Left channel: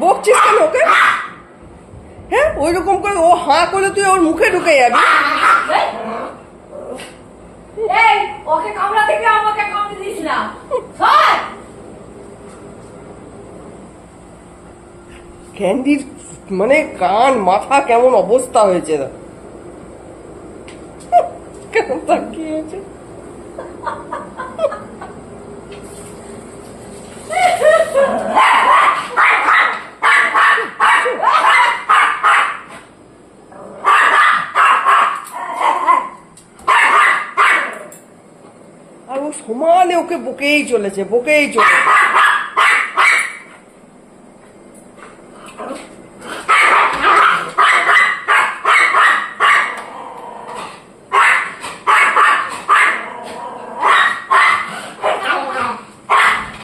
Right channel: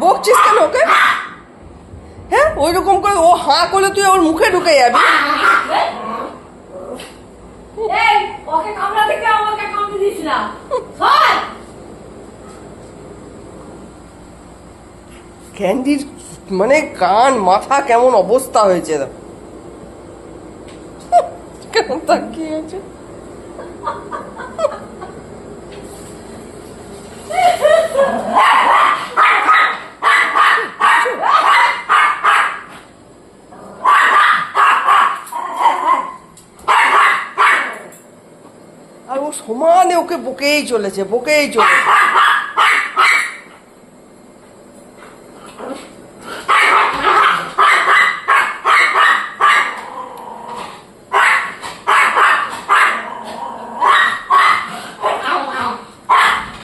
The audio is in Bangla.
বকছিস কেন ওকে? হ্যাঁ, ওই রকম করে ও হাঁ করলে তুই ওর মুখে ঢুকে যাবি। ওকে কামড়া থেকে আমাকে কামড়ে দিস না। ক্যান্ডির মানে কান মাথা কেমন অবস্থা হয়েছে, কেমন তাকিয়ে আছে। আর ও সমানে ওকে বকেই চলেছে।